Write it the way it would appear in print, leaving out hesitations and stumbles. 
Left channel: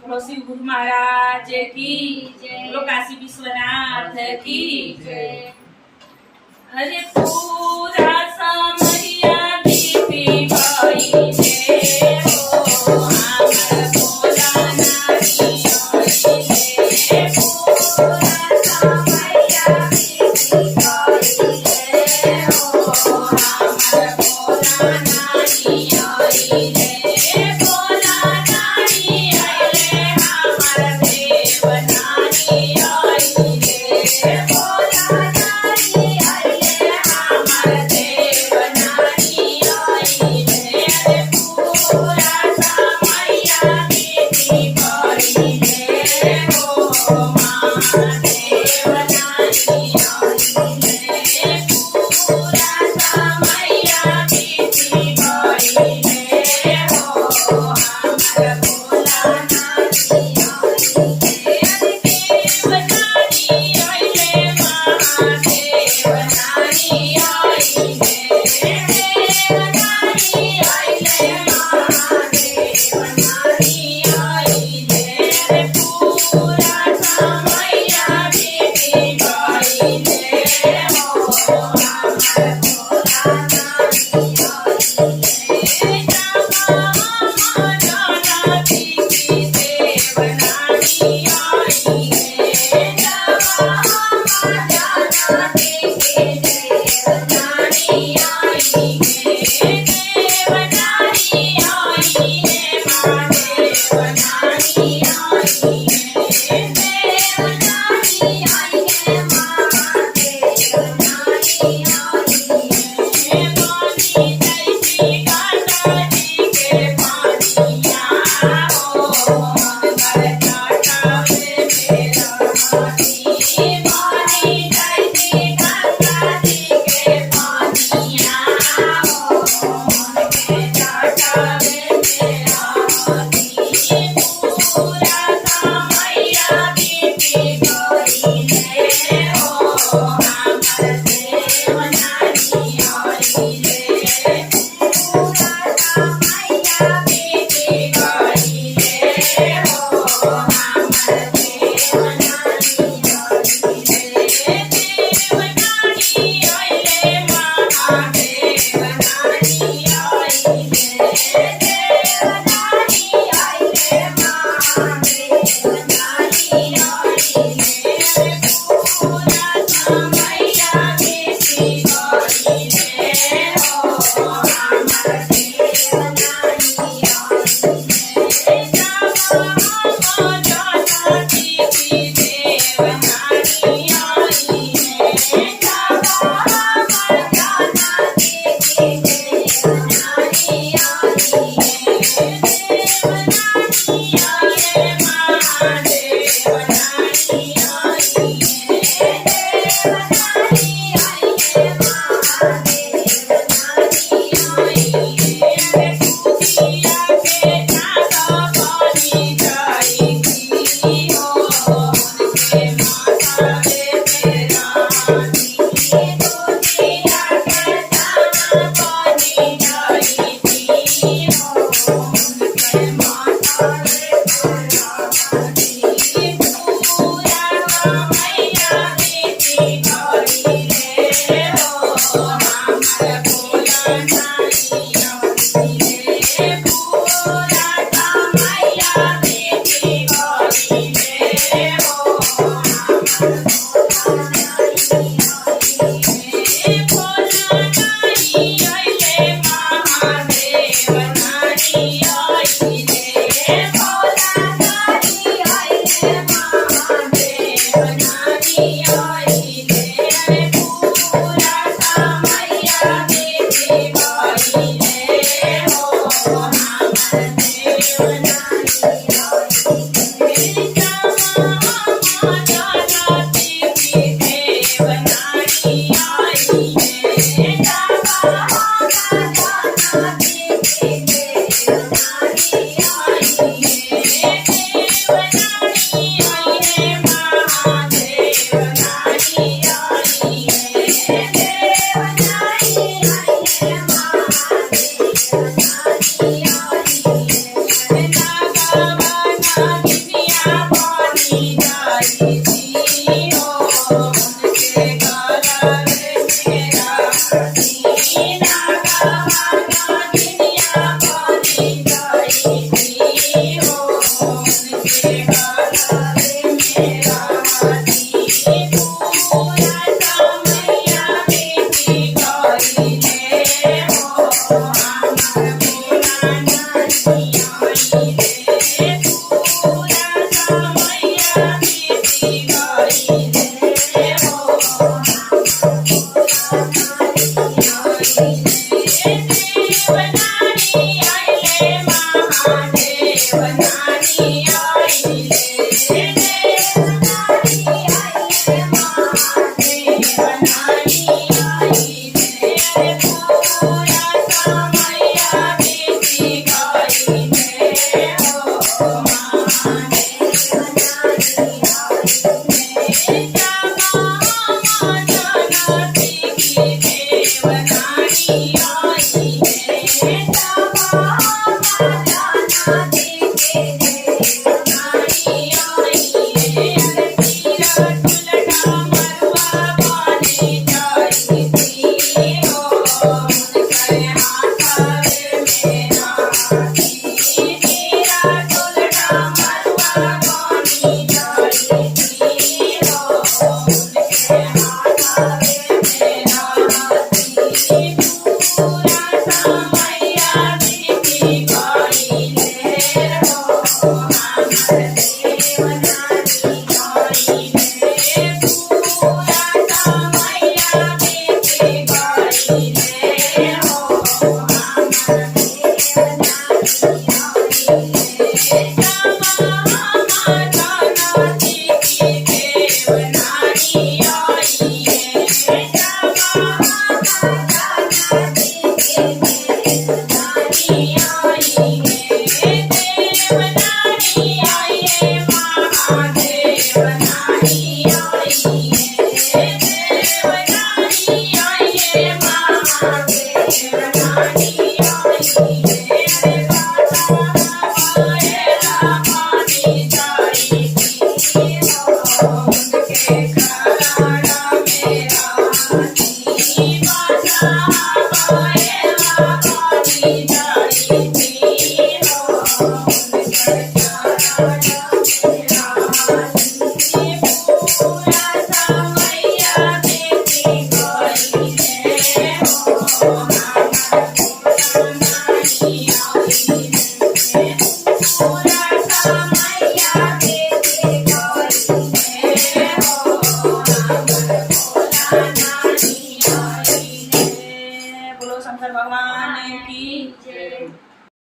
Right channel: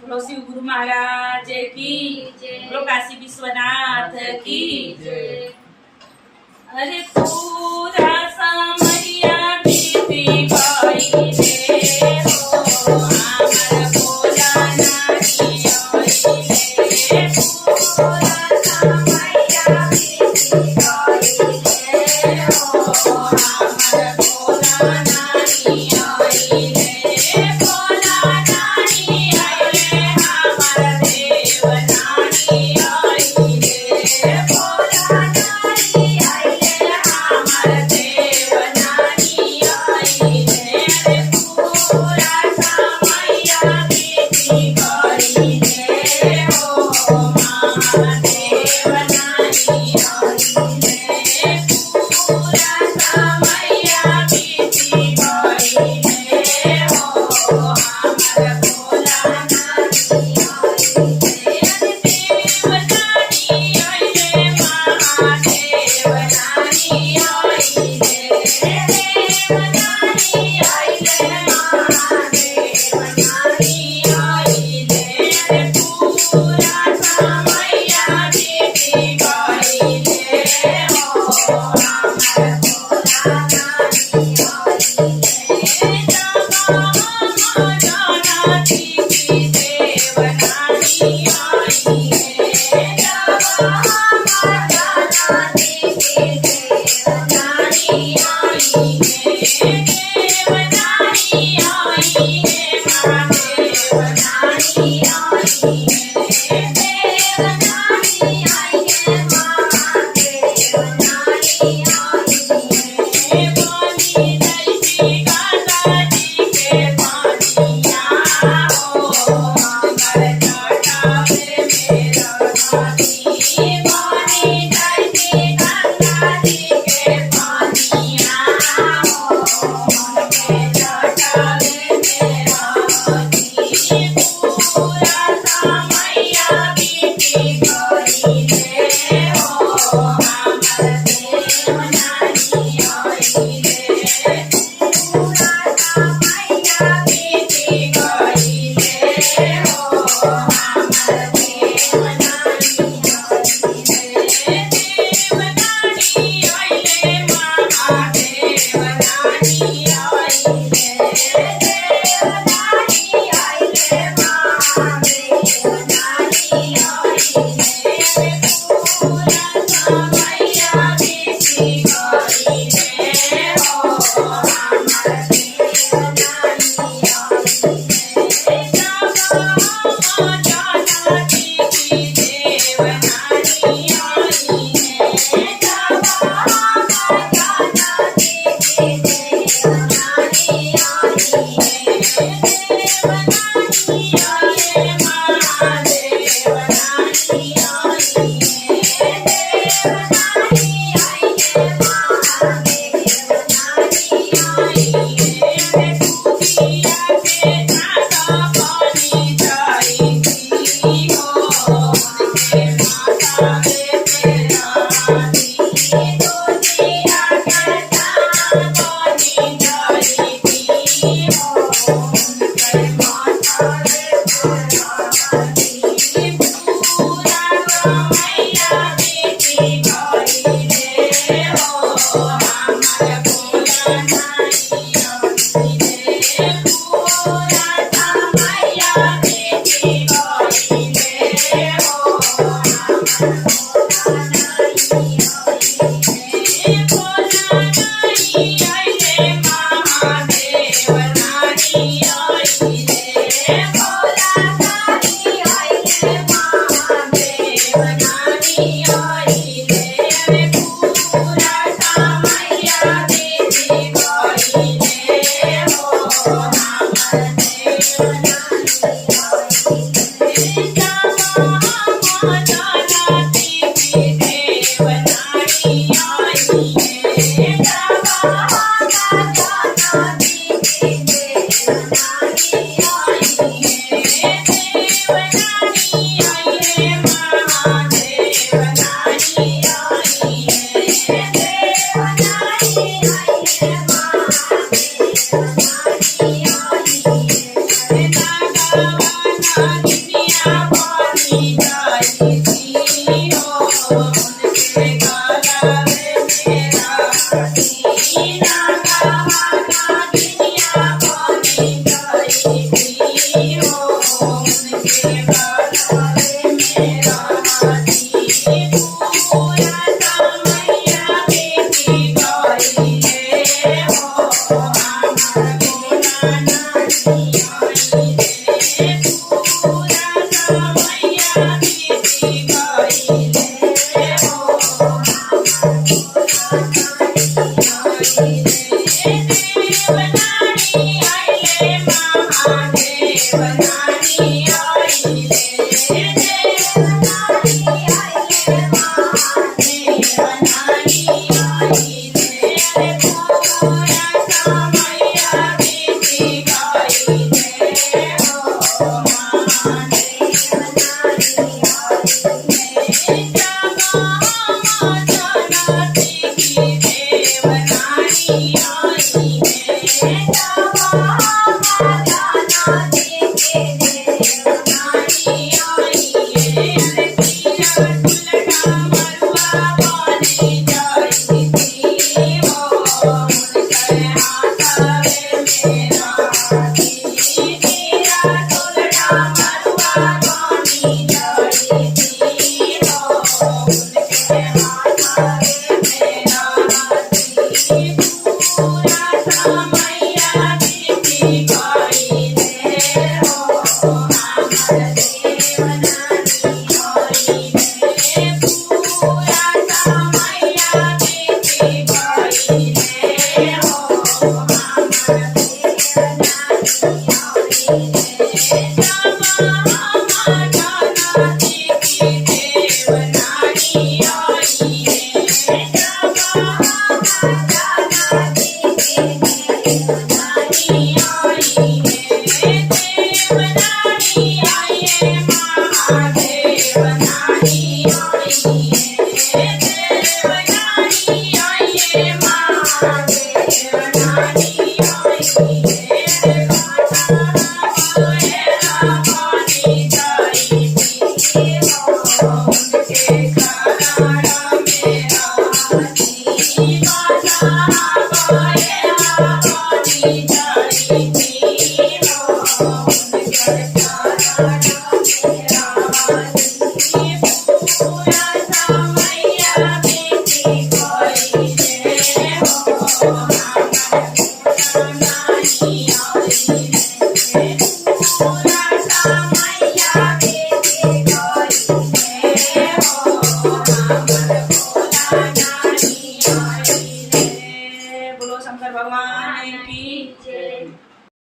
बोलो शिव गुरु महाराज की जय। बोलो काशी विश्वनाथ की जय। अरे पूरा समरिया बीती गई रे हो हमर भोला नारी होई रे पूरा समैया बीती गई रे हो हमर भोला नारी होई रे भोला नारी आइले हमर देव नारी आइले भोला नारी आइले हमर देव नारी आइले पूरा समैया बीती गई रे हो महादेव नारी आइले पूरा समैया बीती गई रे हो हमर भोला नारी आइले देव नारी आइले महादेव नारी आइले देव नारी आइले महादेव नारी आइले पूरा समैया बीती गई रे हो हमर भोला नारी आइले जगा हम जानकी की देव नारी आइले जगा हम जानकी की देव नारी आइले देव नारी आइले महादेव नारी आइले देव नारी आइले महादेव नारी आइले पानी दैती गंगा जी के पानिया हो हमर जटावे मेरा हाथी पानी दैती गंगा जी के पानिया हो हमके जटावे मेरा हाथी पूरा समैया बीती गई रे हो हमर देव नारी आइले पूरा समैया बीती गई रे हो हमर देव नारी आइले देव नारी आइले महादेव नारी आइले देव नारी आइले महादेव नारी आइले पूरा समैया बीती गई रे हो हमर देव नारी आइले जगा हम जानकी की देव नारी आइले जगा हम जानकी की देव नारी आइले देव नारी आइले महादेव नारी आइले देव नारी आइले महादेव नारी आइले दुखिया के नाता पानी जाई की हो हमके माता रे तेरा हाथी दुखिया के नाता पानी जाई की हो हमके माता रे तेरा हाथी पूरा समैया बीती गई रे हो हमर भोला नारी आइले पूरा समैया बीती गई रे हो हमर भोला नारी आइले भोला नारी आइले महादेव नारी आइले भोला नारी आइले महादेव नारी आइले पूरा समैया बीती गई रे हो हमर देव नारी आइले जगा हम जानकी की देव नारी आइले जगा हम जानकी की देव नारी आइले देव नारी आइले महादेव नारी आइले देव नारी आइले महादेव नारी आइले जगा દેવનાની આઈ રે દેવનાની આઈ રે મહાદેવનાની આઈ રે પૂરા સમયા બીતી ગઈ રે હો મહાદેવનાની બોલો શંકર ભગવાન કી જય.